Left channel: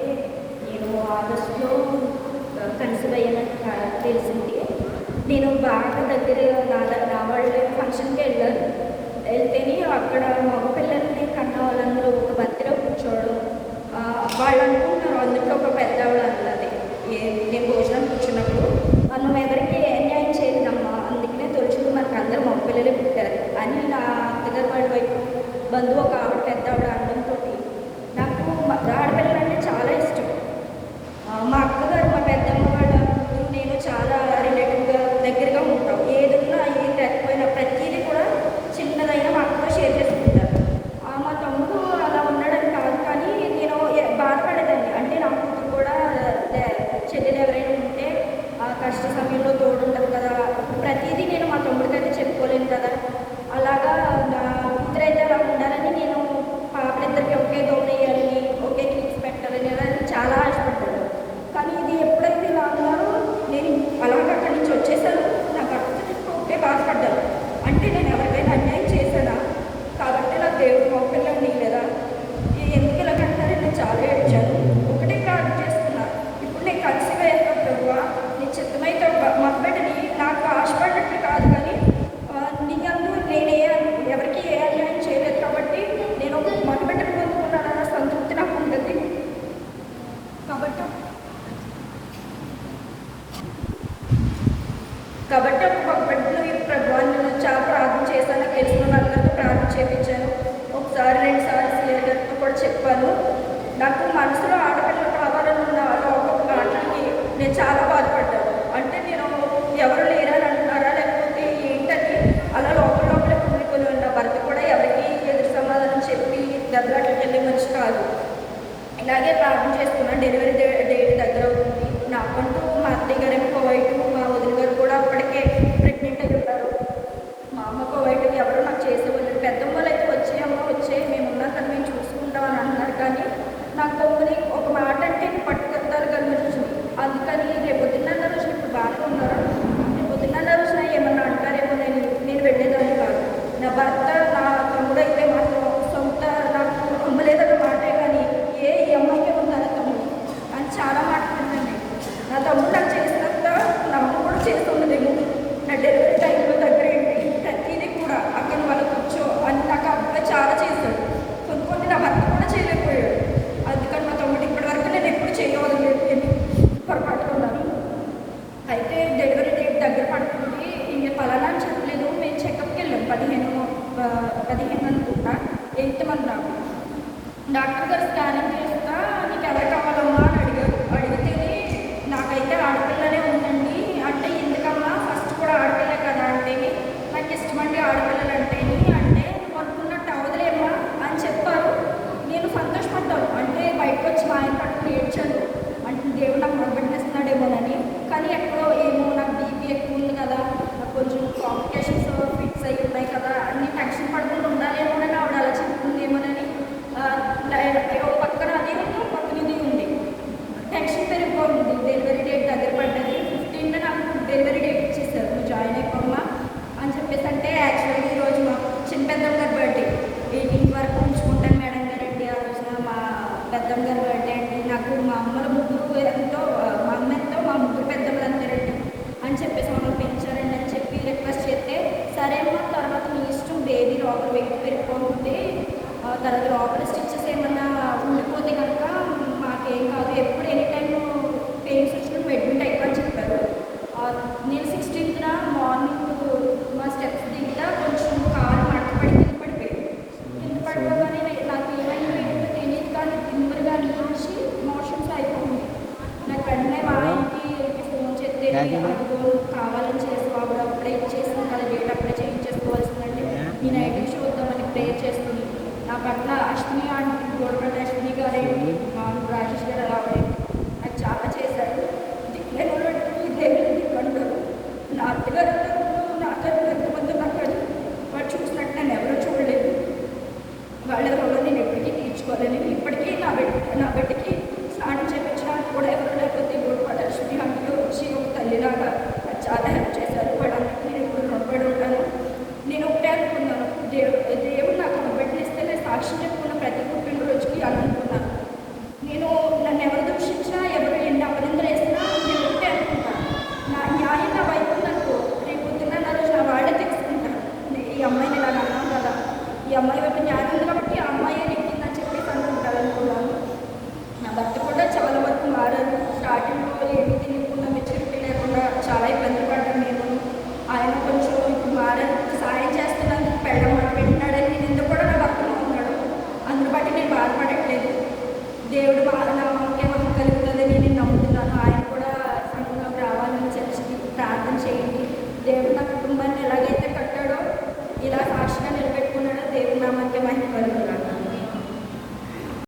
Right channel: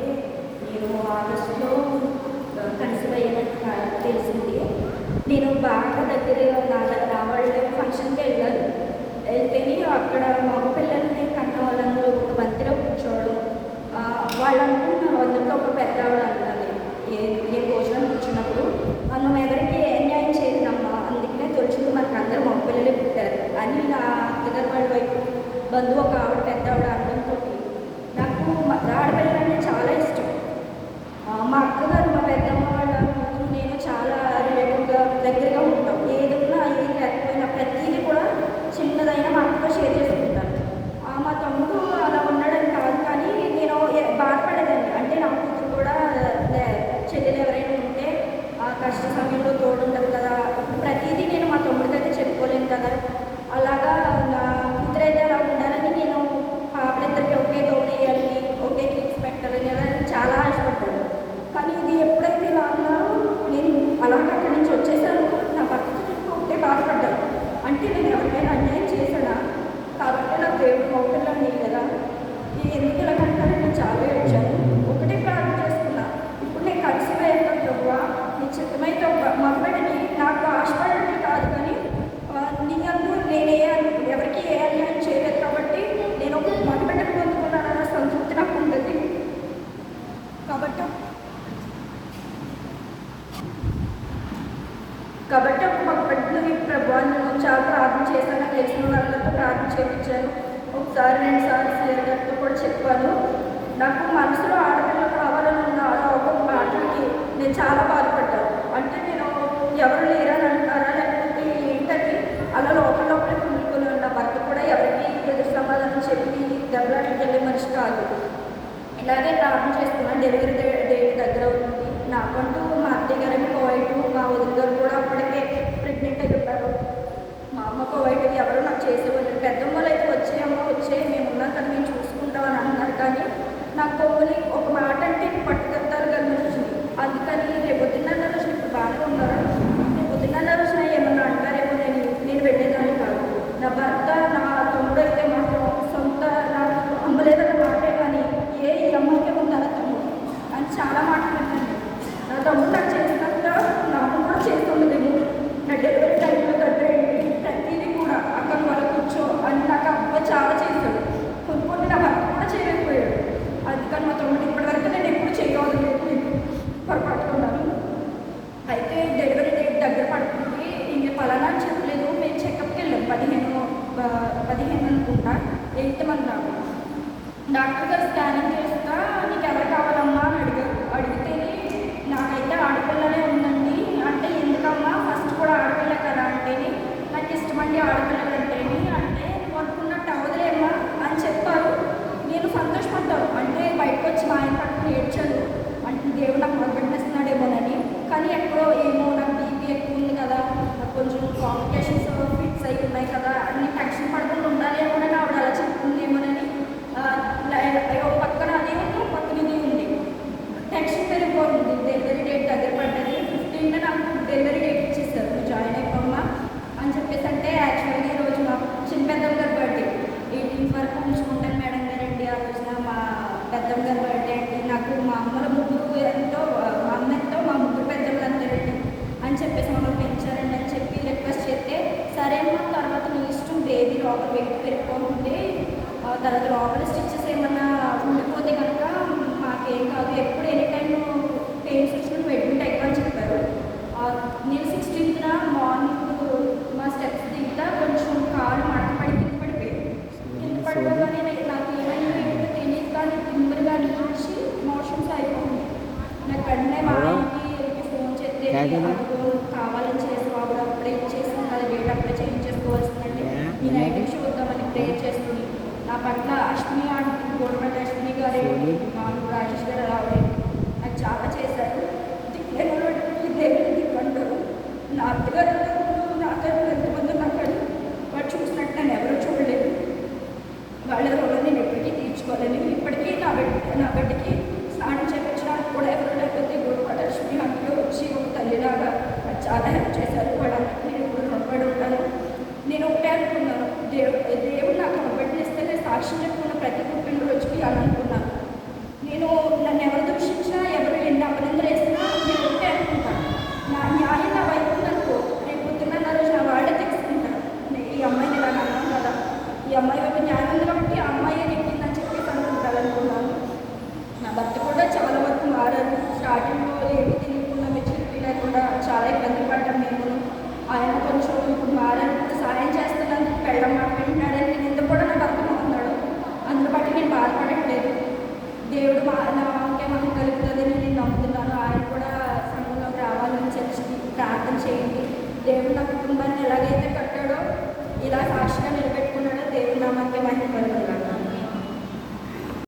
ఏంటంటే నేను ఆగస్టులో కన్సీవ్ అయినట్టు తెలిసింది. నేను బాగా దగ్గర రావాళ్ళ ఫంక్షన్కి వెళ్ళాను. వెళ్తేనే అక్కడ మగ పిల్లల్ని కన్న వాళ్ళందరూ ఒక బంతిలో కూర్చోవడం, వాళ్ళు అనుకుంటున్నారు అందులో ఒక పెద్దవాళ్ళు అన్నది. నేను భోజనం కూర్చున్నప్పుడు మనం ఎవరికి ఏ న్యాయం చేయలేదమ్మా, అందుకనే తొలిచింది మనకు అందరూ మగ పిల్లలే పుట్టారు అని నా అత్తగారి వాళ్ళ వైపు బంధువు ఒక ఆవిడ పెద్దవాడు అనడంతో నాకు ఆడపిల్లలంటే చాలా ఇష్టం. మా అక్కగారు మా పెద్దమ్మ వాళ్ళు నేను చాలా రిలేటివ్గా దగ్గరగా ఉంటాం. ఏదున్నా ఏది లేకపోయినా ప్రతిదీ కూడా చిన్నదైనా మా అక్కతో షేర్ చేసుకుంటాను. మా తమ్ముడు అలా ఉండడం కాదు, కానీ నేను బాధపడేదాన్ని. అంటే నా కూతురు కూడా చెల్లెలు ఎవరైనా ఉంటే కష్ట సమయంలో తోడుండదు కదా, ప్రతిదీ నేను మా తమ్ముడికి అయితే చెప్పుకోలేను కదా. అలాగా నా కూతురు అయితే అలా ఉండాలని నేను పాపలిద్దరికి ఒకే తోడేయాలని ఒకే కిట్స్ పెట్టాలని అలా చాలా ఆశపడ్డాను. కానీ ఇది ఎప్పుడైతే ఇలా ఉన్నారో నేను అలాగే అక్కడి నుంచి వచ్చేసాను. నా భర్త ఒకే బాధపడ్డాను. అంటే నేను ఎవరికైనా అన్యాయం చేశానా, కాబట్టి నా దేవుడు మొక్కలని కదా ఎందుకు ఇలా కంటారని నేను చాలా ఏడ్చాను. ఒకటే ప్రార్థన చేస్తున్నా, ఇప్పుడు నేను కలిసిపోయాను ప్రభువా, నీ చిత్తమైతే మగబిడ్డని నాకు ఆశపడినట్లు కాదు, కానీ నిన్ను నేను ఎవరికి ఏ అన్యాయం చేయలేదు కాబట్టి నేను ఒక మగబిడ్డను పొందుకున్నానన్న సంతృప్తి నాకు ఉంటుంది. కాబట్టి ఒక మగబిడ్డని ప్రభువాన్ని నేను చాలా ప్రార్థన చేశాను. నాకు తెలిసిన వాళ్ళందరితో ప్రార్థన చేయించాను. ఒకసారి 2 సార్లు స్నేహితులతో కూడా చెప్పాను. నాకు మనసులో ఆడపిల్లలు కావాలని ఉన్న ఒక మాటలకి నేను చాలా బాధపడ్డాను. అంటే నేను ఎవరు లేరని అంటున్నారా లేకపోతే ఏంటని అలా లోపలే కుండుకొని ఉన్న భర్త కూడా ఎవరికి ఎదురు సమాధానం చెప్పి దెబ్బలాటకి వెళ్ళే మనిషి కాదు. ఇలాగే ప్రార్థన చేసుకున్నాను. డెలివరీ డేట్ దగ్గర అవుతుంది. నాకంటూ మా అత్తయ్య గారేమో కోవైట్, మా వదిన గారు కూడా అప్పటికే ప్రెగ్నెంట్ అయి ఉంటారు. మా అమ్మ కోవైట్ ఎవరు నాకు చేసేవాళ్ళు. పెద్దమ్మలు అయితే వచ్చే మేము ఉన్నాక మేము చూసుకుంటామని అన్నారు. కానీ నాకు కొన్ని ఒక మాట అంటే పట్టుకుంటారు కదా రోజు, అందుకని రేపు పొద్దున్న రోజు బాగా ఉన్నారు. పొద్దున్న రోజున ఏమన్నా అంటారేమో నేను వెళ్ళేదాన్ని కాదు. నా భర్త నా తమ్ముడు అయితే మాత్రం సొంత నాకు అమ్మలేదన్న మాటే, కానీ ఏ అమ్మకే ఉందని తమ్ముడు అని చాలా మాట్లాడుతుంది. నా తమ్ముడు నాకు చేసినంత నా అమ్మ కూడా చేస్తుండేమో. నా డెలివరీ టైంలో దగ్గరేంటి ప్రతిదీ కూడా అక్కడ వాళ్ళు కూర్చో అని నాకు అబ్బాయి చాలా చేశాడు. కొన్ని నా భర్త కూడా చేయలేకపోయాడు. అందుకని మా తమ్ముడు ఇప్పటివరకు నేను ఎప్పుడు చేయగలిగిపోయింది పట్టుకున్నాను. అయితే డెలివరీ డేట్ దగ్గర పడుతుంది. ఇంక పలానా చెప్పలేదు. మేము చెకప్కి వెళ్ళాం 15 అనుకుంటా, 8th అన్నాము. డాక్టర్ గారు స్కానింగ్ చేస్తా నీకు ఎవరు కావాలమ్మా అని అడిగితేనే నాకైతే ఆడపిల్లనే ఉందండి. అంటే ఎందుకమ్మా ఫస్ట్ కూడా ఆడపిల్ల కదా అంటేనే నాకు ఇష్టమండి ఆడపిల్లలు అంటేని. అంటే అనుకున్నట్టు అవదులేమ్మా అని చెప్పారు. నేను సంతోషపడ్డాను. అంటే బయటకు వచ్చి ఆయన పట్టుకుని ఏడ్చాను. అంటే దేవుడు నాకు మొదటిస్తున్నాడేమోనని. కానీ ఎక్కడో ఏమో నాకు బీపీ ఎక్కువ ఉంది కదా, నాకు కొంచెం కాంప్లికేషన్స్ ఫిక్స్ అయి ఉన్నాయి కదా, అన్ని టెన్షన్ పడుకుంటూ ఉండాలేమోనని ఆవిడ అలా చెప్తుందేమోనని పక్కన అదే పక్కనది ఉంది. టెన్షన్ పెరిగిపోతుంది. డెలివరీ డేట్ దగ్గర పడ్డది. 15th నాకు డెలివరీ డేట్ ఇచ్చేస్తారు, నువ్వు జాయిన్ అయిపోమ్మా అని చెప్పేసి. అంటే యాక్చువల్గా ఈరోజు మా చిన్న పెద్దమ్మ గారి బర్త్డే 18th వరకు ఉంచుకుంటాను మేడం గారండి. ఆ రోజున మా పెద్దమ్మ గారి బర్త్డే అంటే నాకు మా అమ్మల ముగ్గురు ఎంతో, మా అమ్మ ఎంతో, మా ముగ్గురు పెద్దమ్మలు అంతే అని చెప్పేసి మమ్మల్ని పెంచారండి అని చెప్పి రిక్వెస్ట్ చేస్తే సరే అమ్మ తర్వాత మీ ఇష్టం, బేబీ లోపల వెయిట్ పెరిగిపోతుంది, తర్వాత లోపల స్టిచ్చెస్ ఏమన్నా ఉండిపోతే కనుక మాకేం కాదు, ఎప్పుడు ఎనీ టైం పెయిన్స్ వచ్చిన బెడ్రూమ్ ఎక్కడ చెప్పారు. నేను 16th మార్నింగ్ మా స్టెప్స్ దిగుతా కొంచెం కాలు పడిపోయింది. పడిపోగానే నాకు ఏమైనా తెలియదు, కానీ ముందుగా నుంచి మోషన్స్ అయిపోయింది. నాకు వెంటనే వాళ్ళకి ఫోన్ చేస్తే కావాలని చేసి బాబు అప్పుడే ఇచ్చేసిన వాళ్ళు డేట్ అప్పుడే చేంజ్ చేసుకోవాల్సిందండి. నేను ఐడీ చూద్దామని ప్రేర్ చేసుకుని నా పట్ల అశ్విని గవర్నమెంట్ అశ్విని గారు, రాజేష్ గారు రావడం నాకు చాలా చేశారు. అందరూ నా అత్తగారు నాతో నాకు వాడు చూసినట్టు నేను ఎవరో చూడలేదు. వాళ్ళ వల్ల నేను ఎప్పటికీ తీర్చుకోలేను. ఇప్పటికీ నా బిడ్డకి స్నానం చేయించడానికి కూడా ఎవరు లేకపోతే ఇప్పుడు అశ్విని అందులో వచ్చి ఒక తల్లిలాగా చాలా హెల్ప్ చేశారు. వాళ్ళందరికీ నేను ఇప్పుడు నొప్పడి ఉంటాను. నేను ఒకటే అనుకున్నాను, దేవుడు నాకు నొప్పడిస్తే నేను సాక్షి చెప్తున్న ప్రతి పుట్టినరోజుకి అని అనుకున్నాను. నేను నన్ను ఎవరు ఈ అమ్మాయి యొక్క జ్ఞానం కాబట్టి ఆ అమ్మాయి చెప్పిందని చెప్పేసి అనుకుంటారనుకున్నాను. నా భర్త కూడా చాలా వరకు మారారు. స్టార్టింగ్లో ఏమి తెలియకుండా మెచ్యూరిటీ లేకుండా చాలా